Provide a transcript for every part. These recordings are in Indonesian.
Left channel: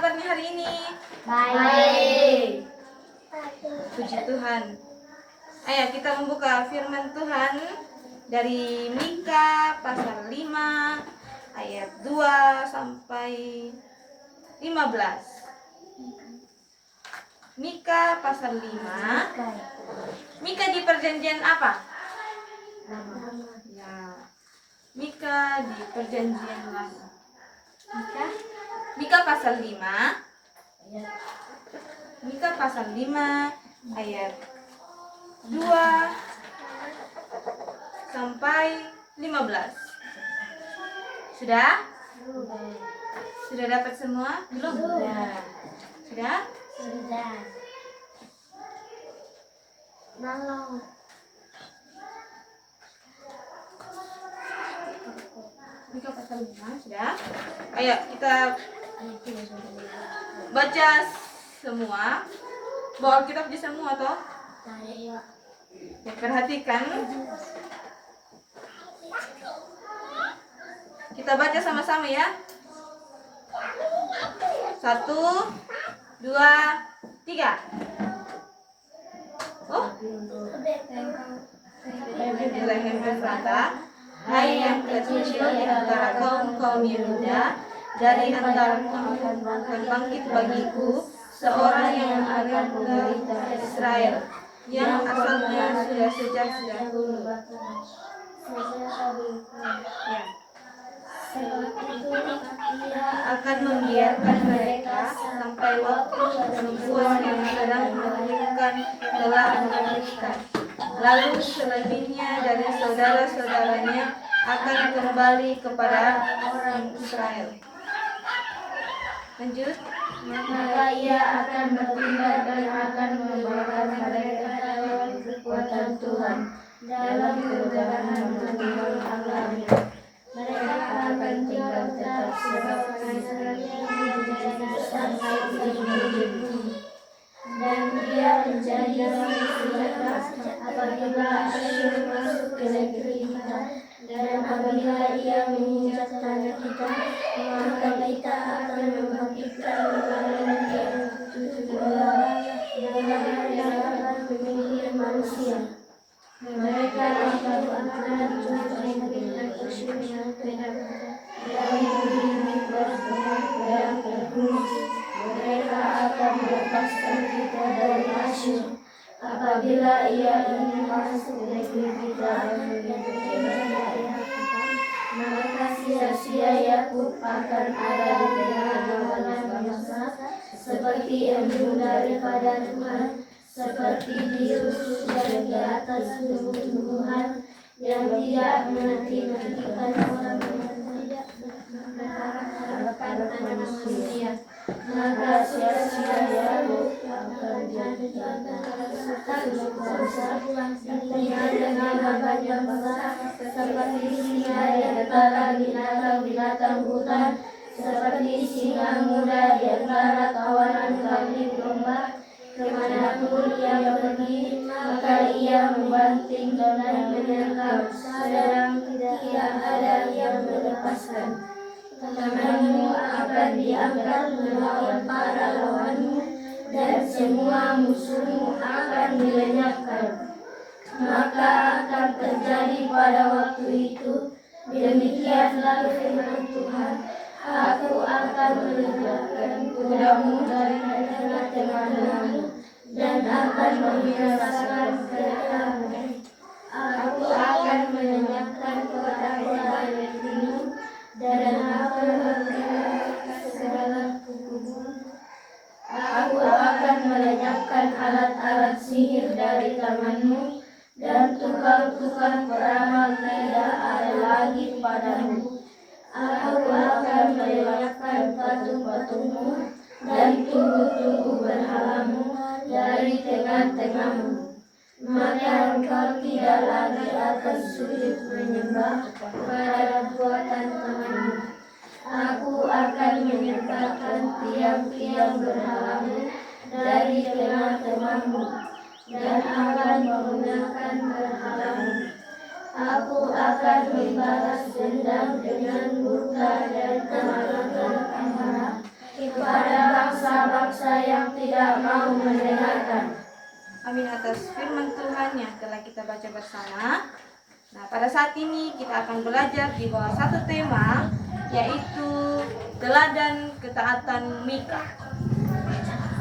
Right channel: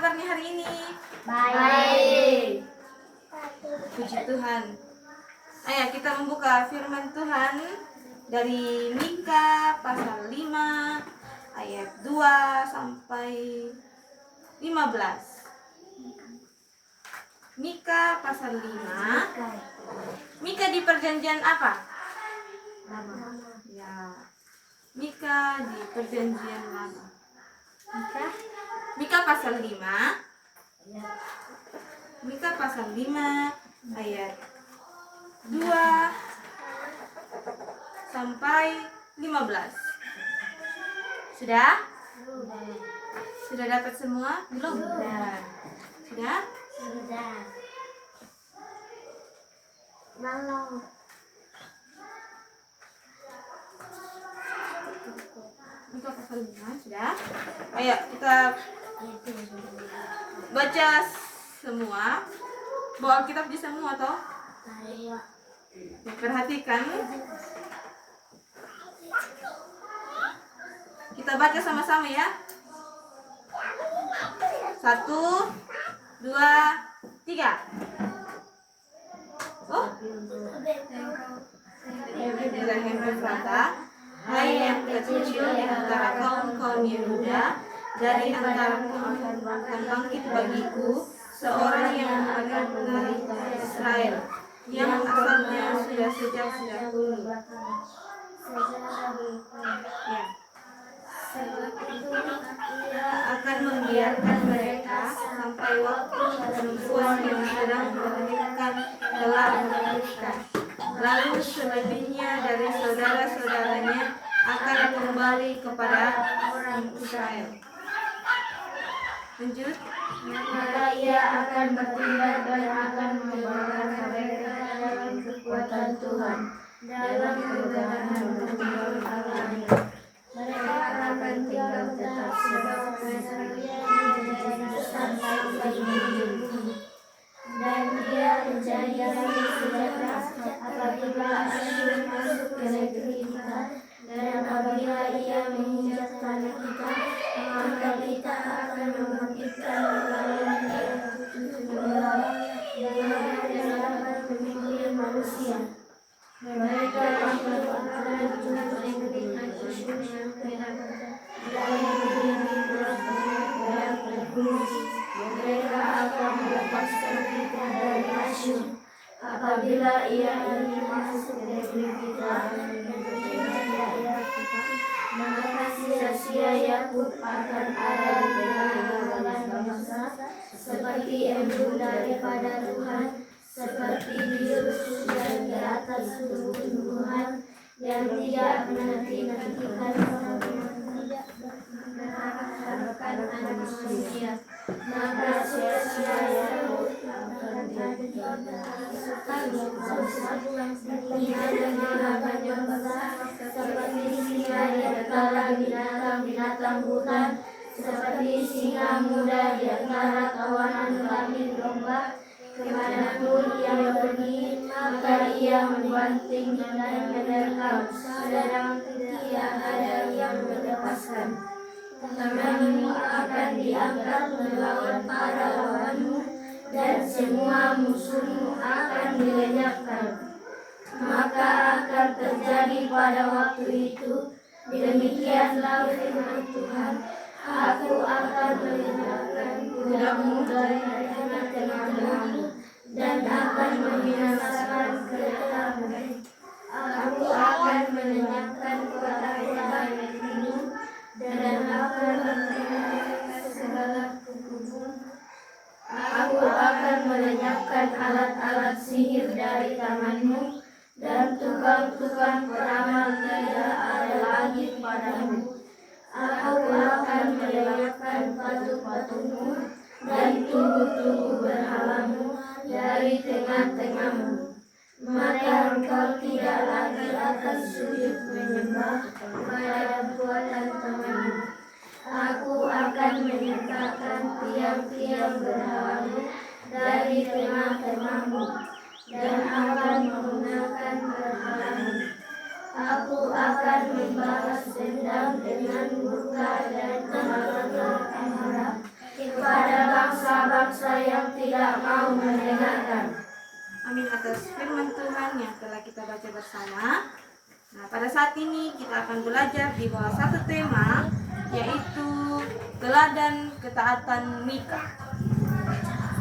kabarnya hari ini? Baik. Puji Tuhan. Ayo kita membuka firman Tuhan dari Mika pasal 5 ayat 2 sampai 15. Mika pasal 5. Mika di perjanjian apa? Ya. Mika di perjanjian lama. Mika pasal 5. Mika pasal 5 ayat 2 sampai 15. Sudah? Sudah dapat semua? Belum? Sudah? Sudah. Malam. Mika pasal 5 sudah? Ayo kita baca semua. Bawa kitab aja semua toh? Ya, perhatikan. Kita baca sama-sama ya. 1, 2, 3. Oh, Bethlehem Efrata, hai yang kecil di antara kaum Yehuda, dari antara kaum akan bangkit bagiku seorang yang akan memelihara Israel, yang asalnya sudah sejak dahulu. Ya. Ia akan membiarkan mereka sampai waktu perempuan yang sedang melahirkan telah melahirkan. Lalu selebihnya dari saudara-saudaranya akan kembali kepada orang Israel. Lanjut. Maka ia akan bertindak dan akan membawakan mereka dalam kekuatan Tuhan, dalam kemudahan menunggu Allahnya. Mereka akan tinggal tetap sebab Israel menjadi sampai ujung bumi. Dan dia menjadi senjata apabila Asyur masuk ke negeri kita, dan apabila ia menginjak tanah kita, maka kita akan membangkitkan negara yang tujuh orang yang dapat memimpin manusia. Mereka akan untuk negeri Asyur yang kena dari bumi dan bergunung. Mereka akan melepaskan kita dari Asyur apabila ia ingin masuk negeri kita dan menyentuh rakyat kita. Maka sia-sia Yakub akan ada di tengah-tengah bangsa, seperti embun daripada Tuhan, seperti biru yang di atas tumbuh-tumbuhan, yang tidak menanti-nantikan mengharapkan manusia. Maka sia-sia Yakub akan jadi bangsa dengan banyak bangsa, seperti singa di antara binatang-binatang hutan, seperti singa muda di antara kawanan kambing domba. Kemanapun ia pergi, maka ia membanting dan menerkam, sedang tidak ada yang melepaskan. Tanganmu akan diangkat melawan para lawanmu, dan semua musuhmu akan dilenyapkan. Maka akan terjadi pada waktu itu, demikianlah firman Tuhan, aku akan melenyapkan kudamu dari tengah-tengahmu, dan akan membinasakan keretamu. Aku akan melenyapkan kota-kota negerimu, dan akan membinasakan segala kukumu. Aku akan melenyapkan alat-alat sihir dari tanganmu, dan tukang-tukang peramal tidak ada lagi padamu. Aku akan melenyapkan patung-patungmu dan tugu-tugu berhalamu dari tengah-tengahmu. Maka engkau tidak lagi akan sujud menyembah kepada buatan tanganmu. Aku akan menyingkapkan tiang-tiang berhalamu dari tengah-tengahmu, dan akan menggunakan berhalamu. Aku akan membalas dendam dengan murka dan amarah kepada bangsa yang tidak mau mendengarkan. Amin atas firman Tuhan yang telah kita baca bersama. Nah, pada saat ini kita akan belajar di bawah satu tema, yaitu teladan ketaatan Mika.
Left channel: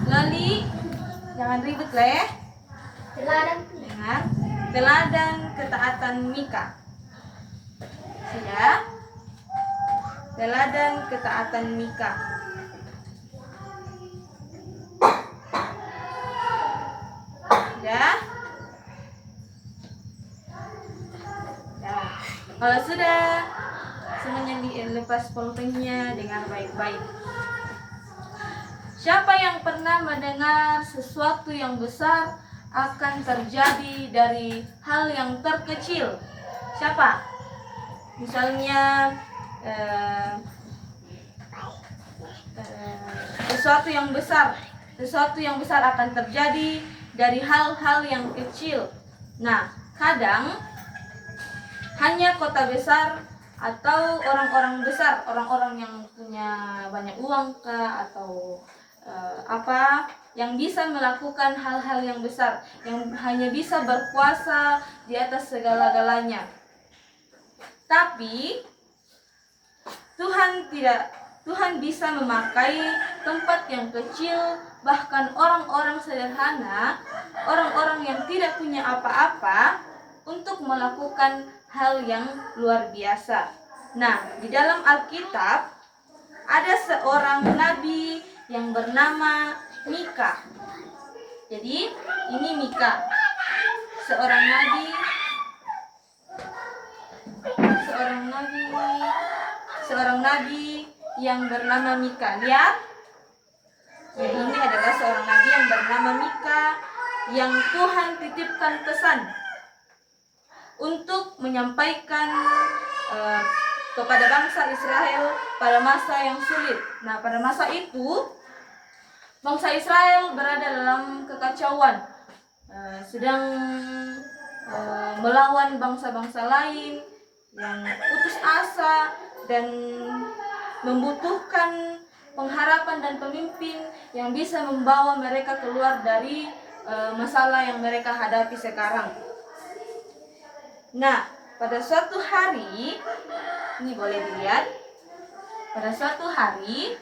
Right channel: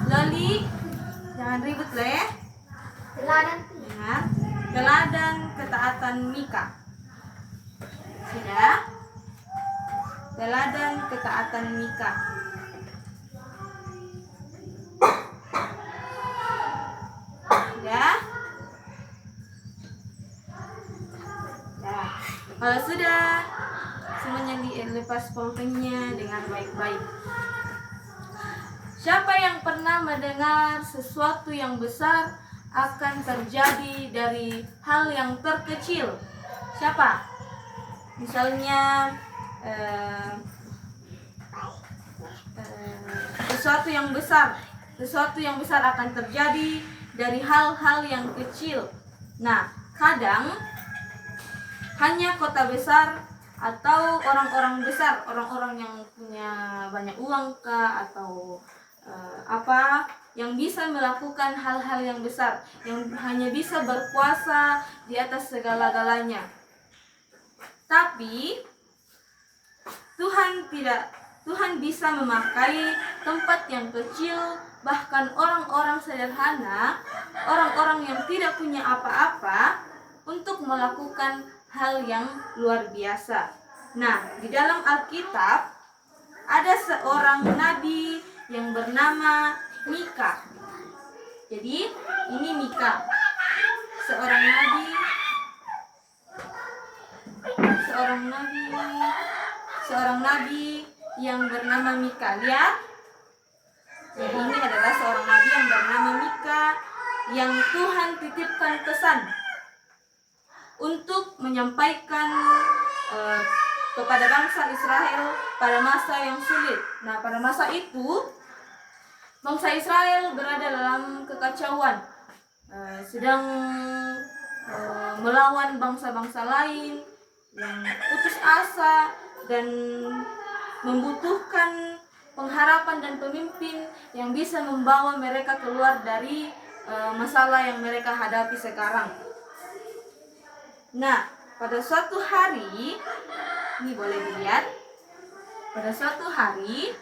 Lali, jangan ribut lah ya. Dengar, teladan ketaatan Mika. Sudah? Teladan ketaatan Mika. Sudah? Nah, kalau sudah, semuanya dilepas pulpennya dengan baik-baik. Siapa yang pernah mendengar sesuatu yang besar akan terjadi dari hal yang terkecil? Siapa? Misalnya sesuatu yang besar akan terjadi dari hal-hal yang kecil. Nah, kadang hanya kota besar atau orang-orang besar, orang-orang yang punya banyak uang kah atau yang bisa melakukan hal-hal yang besar, yang hanya bisa berkuasa di atas segala-galanya. Tapi Tuhan bisa memakai tempat yang kecil, bahkan orang-orang sederhana, orang-orang yang tidak punya apa-apa, untuk melakukan hal yang luar biasa. Nah, di dalam Alkitab ada seorang nabi yang bernama Mika. Jadi, ini Mika, seorang nabi yang bernama Mika. Lihat, ya, ini adalah seorang nabi yang bernama Mika, yang Tuhan titipkan pesan untuk menyampaikan kepada bangsa Israel pada masa yang sulit. Nah, pada masa itu bangsa Israel berada dalam kekacauan, sedang melawan bangsa-bangsa lain yang putus asa dan membutuhkan pengharapan dan pemimpin yang bisa membawa mereka keluar dari masalah yang mereka hadapi sekarang. Nah, pada suatu hari, ini boleh dilihat, pada suatu hari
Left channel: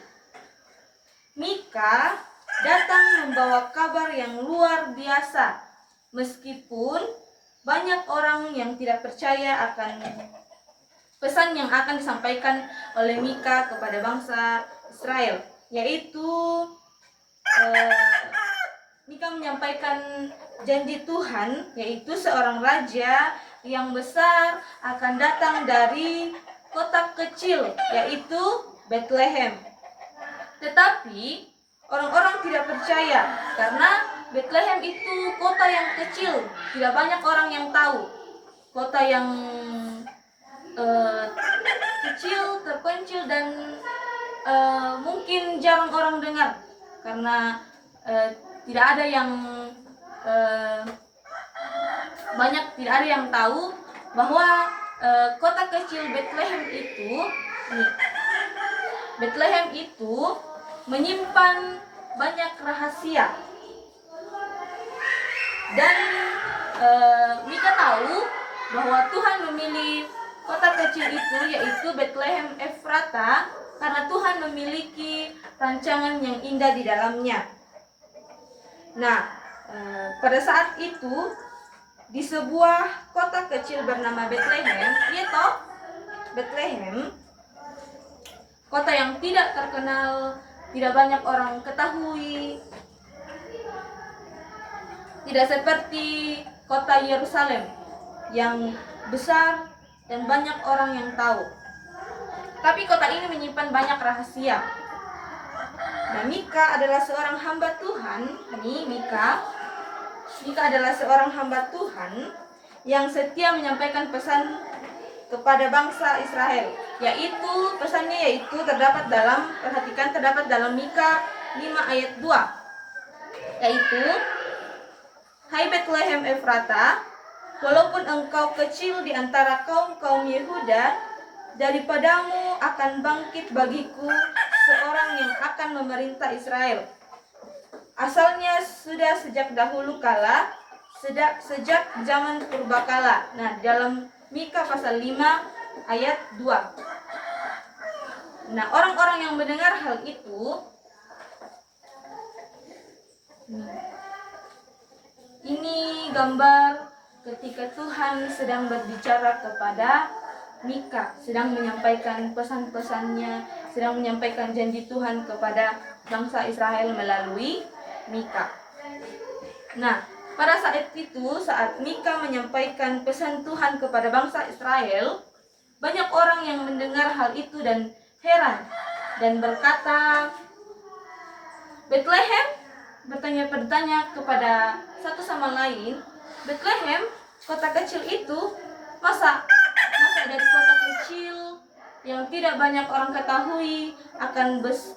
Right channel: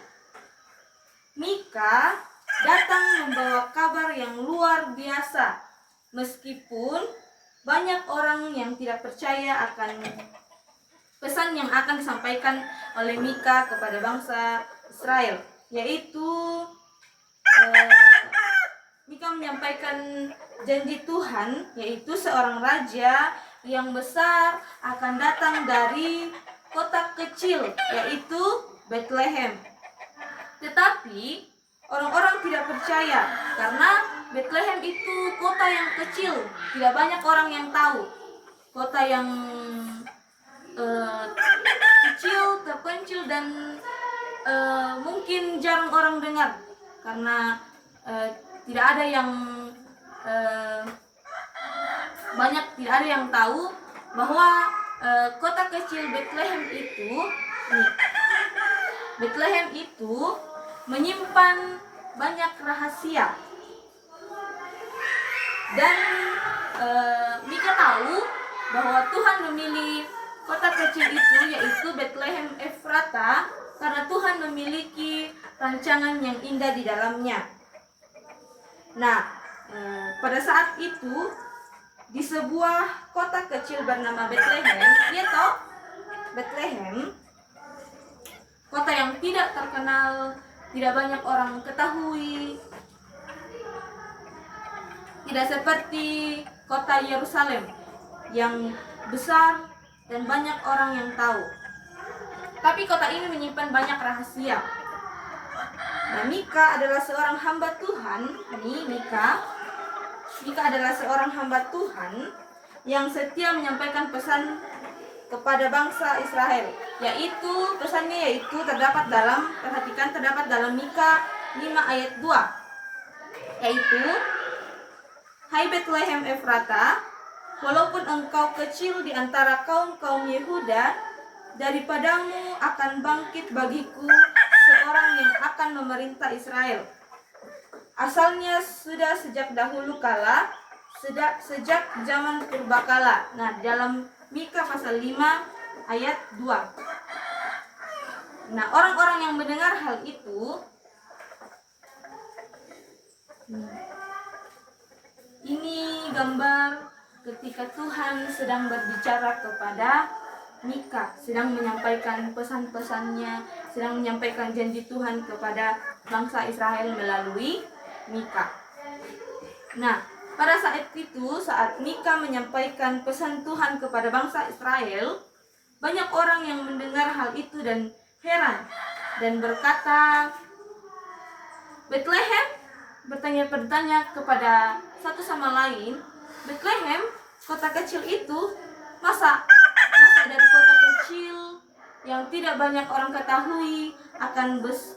Mika datang membawa kabar yang luar biasa, meskipun banyak orang yang tidak percaya akan pesan yang akan disampaikan oleh Mika kepada bangsa Israel, yaitu Mika menyampaikan janji Tuhan, yaitu seorang raja yang besar akan datang dari kota kecil, yaitu Bethlehem. Tetapi orang-orang tidak percaya karena Bethlehem itu kota yang kecil, tidak banyak orang yang tahu. Kota yang kecil, terpencil, dan mungkin jarang orang dengar karena tidak ada yang tahu bahwa kota kecil Bethlehem itu menyimpan banyak rahasia. Dan Mika tahu bahwa Tuhan memilih kota kecil itu, yaitu Bethlehem Efrata, karena Tuhan memiliki rancangan yang indah di dalamnya. Nah, pada saat itu di sebuah kota kecil bernama Bethlehem, Bethlehem, kota yang tidak terkenal, tidak banyak orang ketahui, tidak seperti kota Yerusalem yang besar dan banyak orang yang tahu. Tapi kota ini menyimpan banyak rahasia. Nah, Mika adalah seorang hamba Tuhan. Mika adalah seorang hamba Tuhan yang setia menyampaikan pesan kepada bangsa Israel, pesannya terdapat dalam Mika 5 ayat 2, yaitu, "Hai Bethlehem Efrata, walaupun engkau kecil di antara kaum-kaum Yehuda, daripadamu akan bangkit bagiku seorang yang akan memerintah Israel, asalnya sudah sejak dahulu kala, sejak zaman purbakala. Nah, dalam Mika pasal 5 ayat 2. Nah, orang-orang yang mendengar hal itu, ini gambar ketika Tuhan sedang berbicara kepada Mika, sedang menyampaikan pesan-pesannya, sedang menyampaikan janji Tuhan kepada bangsa Israel melalui Mika. Nah, pada saat itu, saat Mika menyampaikan pesan Tuhan kepada bangsa Israel, banyak orang yang mendengar hal itu dan heran dan berkata, Bethlehem, bertanya kepada satu sama lain, Bethlehem, kota kecil itu, masa dari kota kecil yang tidak banyak orang ketahui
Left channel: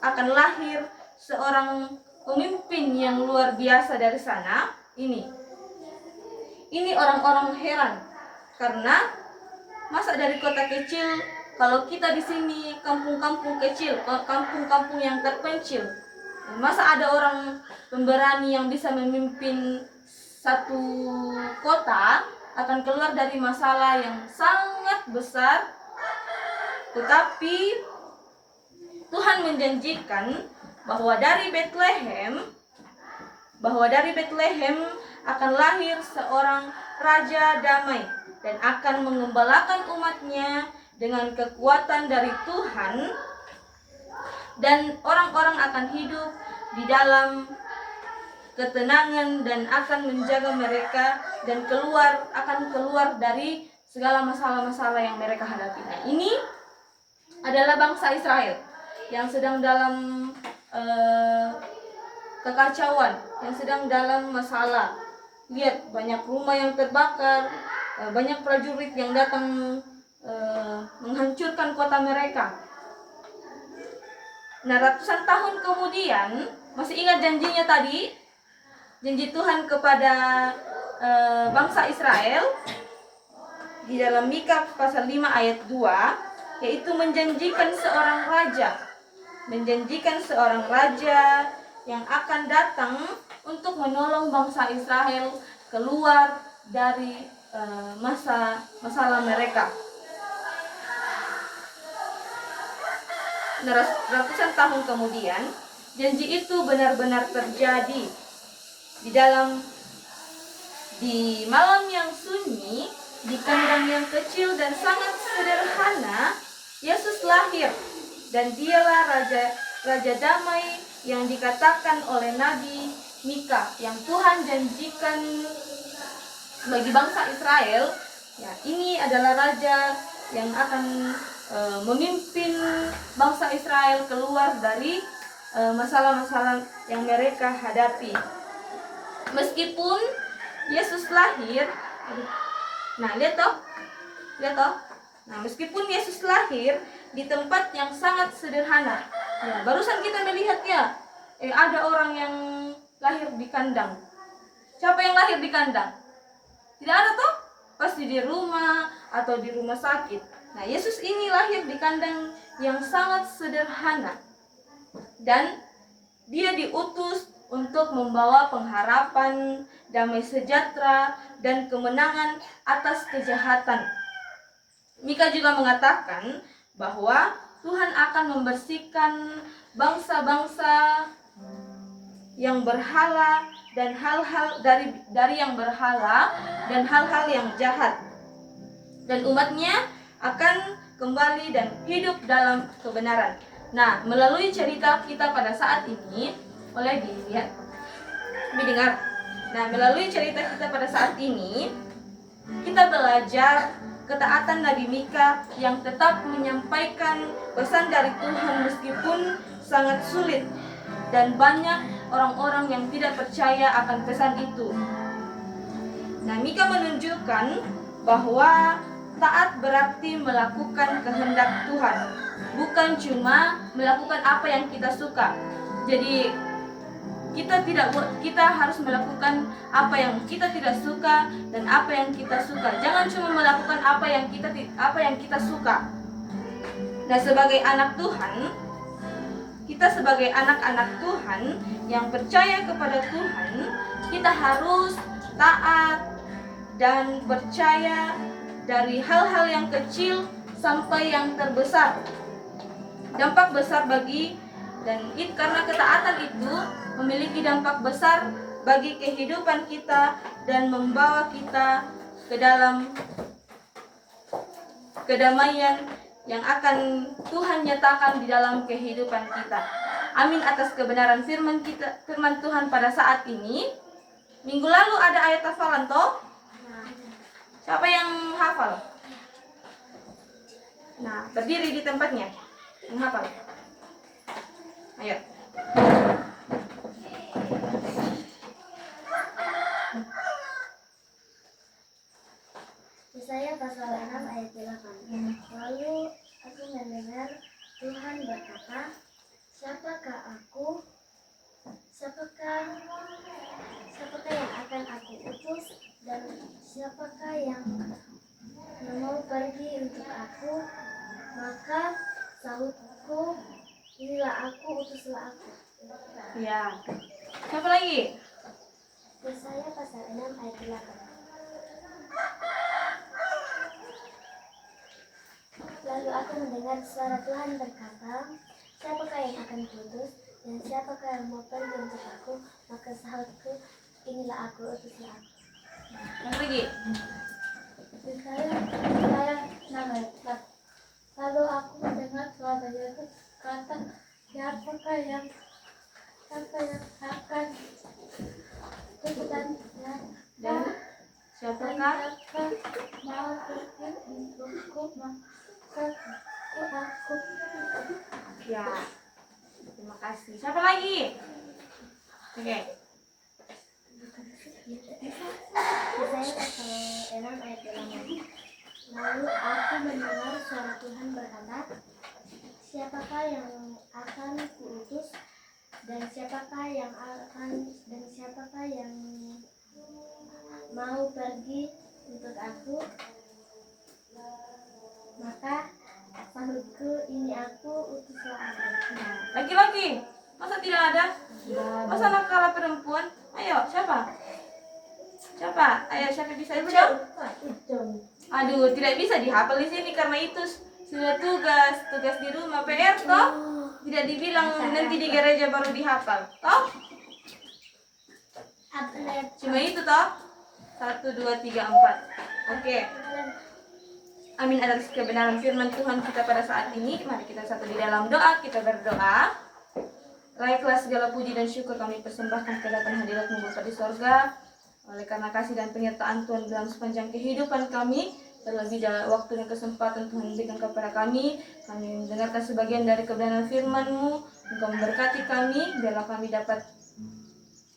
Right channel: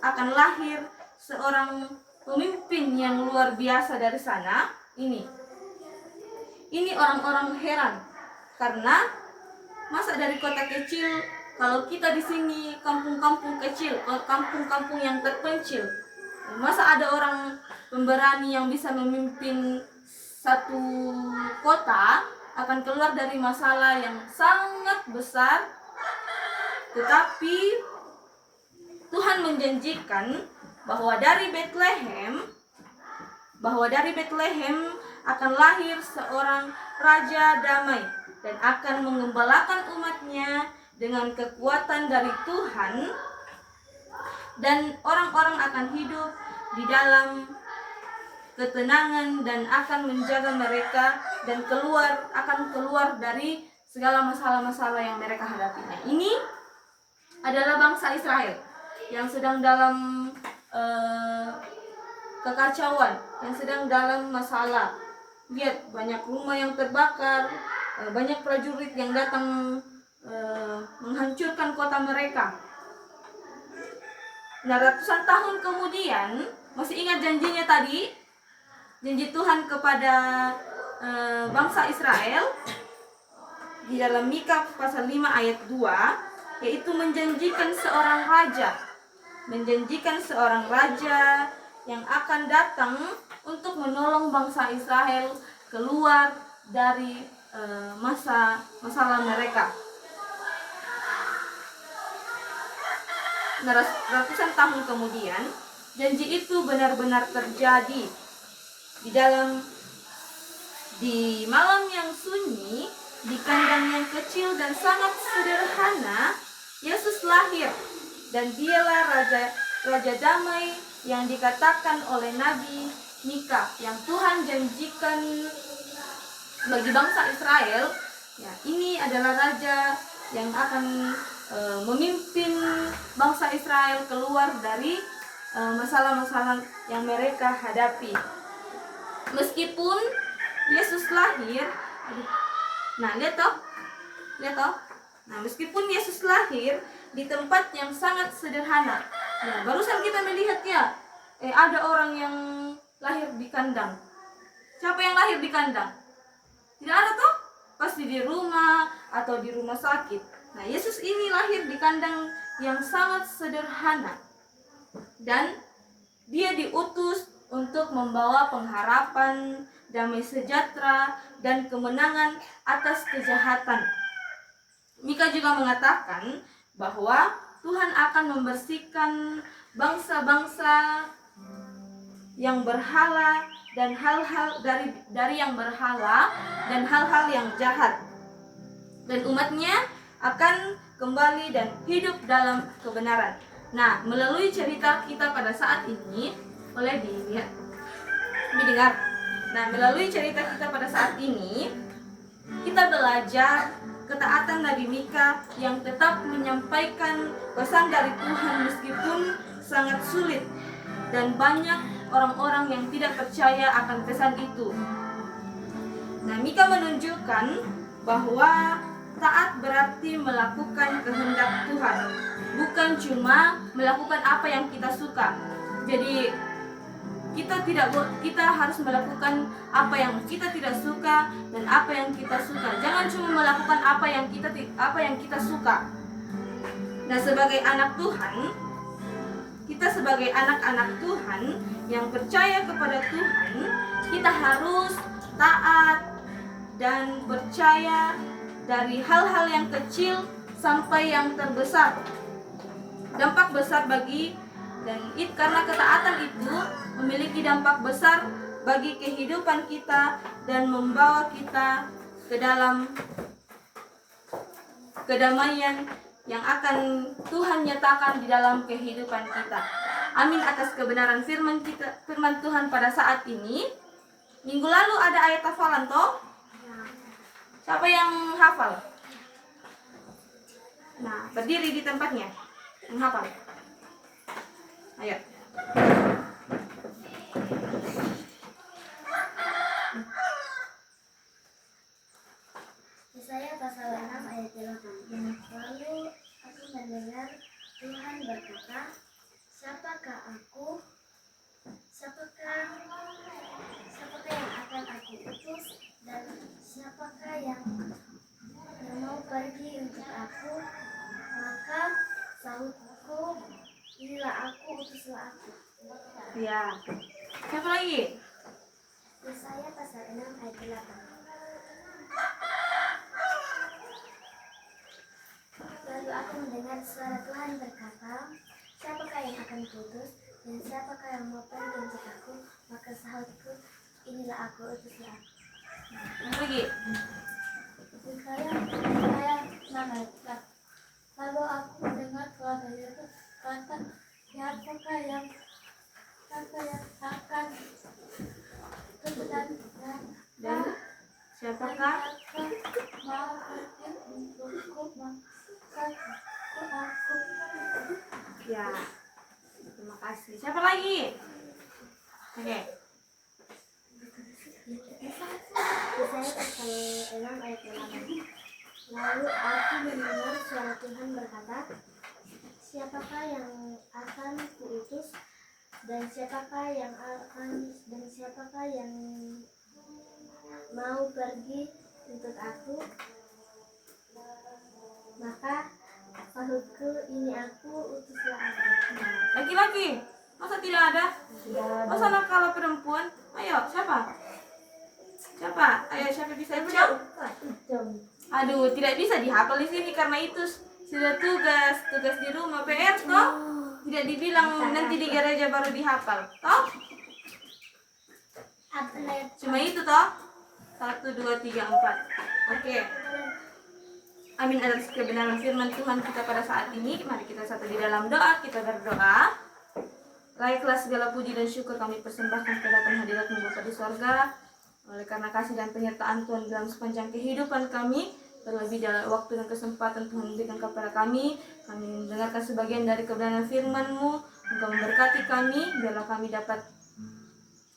akan lahir seorang pemimpin yang luar biasa dari sana. Ini orang-orang heran karena masa dari kota kecil, kalau kita di sini kampung-kampung kecil, kampung-kampung yang terpencil, masa ada orang pemberani yang bisa memimpin satu kota akan keluar dari masalah yang sangat besar. Tetapi Tuhan menjanjikan bahwa dari Bethlehem akan lahir seorang raja damai dan akan mengembalakan umatnya dengan kekuatan dari Tuhan, dan orang-orang akan hidup di dalam ketenangan dan akan menjaga mereka dan akan keluar dari segala masalah-masalah yang mereka hadapi. Nah, ini adalah bangsa Israel yang sedang dalam kekacauan, yang sedang dalam masalah. Lihat, banyak rumah yang terbakar, banyak prajurit yang datang menghancurkan kota mereka. Nah, ratusan tahun kemudian, masih ingat janjinya tadi? Janji Tuhan kepada bangsa Israel di dalam Mika pasal 5 ayat 2, yaitu menjanjikan seorang raja yang akan datang untuk menolong bangsa Israel keluar dari masalah mereka. Nah, ratusan tahun kemudian, janji itu benar-benar terjadi. Di malam yang sunyi, di kandang yang kecil dan sangat sederhana, Yesus lahir, dan dialah Raja Damai yang dikatakan oleh Nabi Mika, yang Tuhan janjikan bagi bangsa Israel. Ya, ini adalah Raja yang akan memimpin bangsa Israel keluar dari masalah-masalah yang mereka hadapi. Meskipun Yesus lahir, lihat toh. Nah, meskipun Yesus lahir di tempat yang sangat sederhana. Ya, barusan kita melihat ya, ada orang yang lahir di kandang. Siapa yang lahir di kandang? Tidak ada toh? Pasti di rumah atau di rumah sakit. Nah, Yesus ini lahir di kandang yang sangat sederhana. Dan dia diutus untuk membawa pengharapan, damai sejahtera, dan kemenangan atas kejahatan. Mika juga mengatakan bahwa Tuhan akan membersihkan bangsa-bangsa yang berhala dan hal-hal dari yang berhala dan hal-hal yang jahat, dan umatnya akan kembali dan hidup dalam kebenaran. Nah, melalui cerita kita pada saat ini, boleh didengar. Nah, melalui cerita kita pada saat ini, kita belajar ketaatan Nabi Mika yang tetap menyampaikan pesan dari Tuhan meskipun sangat sulit, dan banyak orang-orang yang tidak percaya akan pesan itu. Nah, Mika menunjukkan bahwa taat berarti melakukan kehendak Tuhan, bukan cuma melakukan apa yang kita suka. Jadi kita harus melakukan apa yang kita tidak suka dan apa yang kita suka. Jangan cuma melakukan apa yang kita suka. Nah, sebagai anak Tuhan, kita sebagai anak-anak Tuhan yang percaya kepada Tuhan, kita harus taat dan percaya dari hal-hal yang kecil sampai yang terbesar. Dampak besar karena ketaatan itu memiliki dampak besar bagi kehidupan kita dan membawa kita ke dalam kedamaian yang akan Tuhan nyatakan di dalam kehidupan kita. Amin atas kebenaran firman Tuhan pada saat ini. Minggu lalu ada ayat hafalan toh? Siapa yang hafal? Nah, berdiri di tempatnya. Yang hafal. Ayo. Yesaya pasal 6 ayat 8. Lalu aku mendengar Tuhan berkata, Siapakah yang akan aku utus, dan siapakah yang mau pergi untuk aku? Maka sahutku, inilah aku, utuslah aku. Ya. Siapa lagi? Yesaya pasal 6 ayat 8. Lalu aku mendengar suara Tuhan berkata, Siapakah yang akan kuutus, dan siapakah yang mau pergi untuk aku? Maka sahutku, inilah aku, utuslah aku. Yang lagi? Yesaya 6 ayat 4. Lalu aku mendengar suara Yesus berkata, Siapakah yang akan kuutus, Dan siapakah? mau pergi untukku? Maka aku. Ya. Terima kasih. Siapa lagi? Oke. Yesaya pasal 6 ayat 8. Lalu aku mendengar suara Tuhan berkata, Siapakah yang akan kuutus, dan siapakah yang mau pergi untuk aku? Maka sahutku, ini aku, utuslah aku. Laki-laki. Masa tidak ada? Masa anak kalah perempuan? Ayo, siapa? Ayo, siapa bisa jawab? Aduh, tidak bisa dihafal di sini karena itu sudah tugas di rumah PR toh. Tidak dibilang nanti di gereja baru dihafal, toh? Cuma itu toh. 1, 2, 3, 4. Oke. Amin atas kebenaran firman Tuhan kita pada saat ini. Mari kita satu di dalam doa. Kita berdoa. Baiklah, segala puji dan syukur kami persembahkan kedatangan hadirat-Mu Bapa di sorga. Oleh karena kasih dan penyertaan Tuhan dalam sepanjang kehidupan kami, terlebih dalam waktu dan kesempatan Tuhan berikan kepada kami mendengarkan sebagian dari kebenaran firman-Mu. Engkau memberkati kami, biarlah kami dapat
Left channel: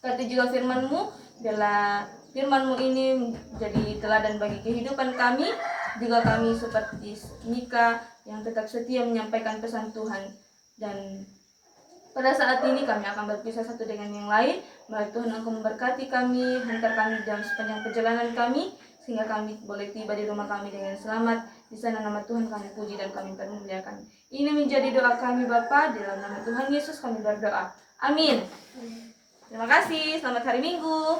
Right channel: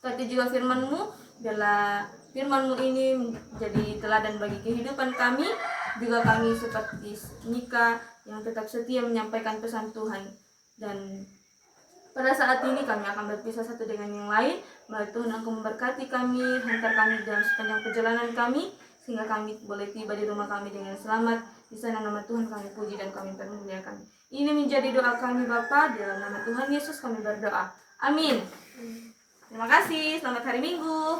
berkati juga firman-Mu, biarlah firman-Mu ini menjadi teladan bagi kehidupan kami. Juga kami seperti Mika yang tetap setia menyampaikan pesan Tuhan. Dan pada saat ini kami akan berpisah satu dengan yang lain. Mari Tuhan Engkau memberkati kami, hantar kami dalam sepanjang perjalanan kami, sehingga kami boleh tiba di rumah kami dengan selamat. Di sana nama Tuhan kami puji dan kami permuliakan. Ini menjadi doa kami Bapa, di dalam nama Tuhan Yesus kami berdoa. Amin. Terima kasih, selamat hari Minggu.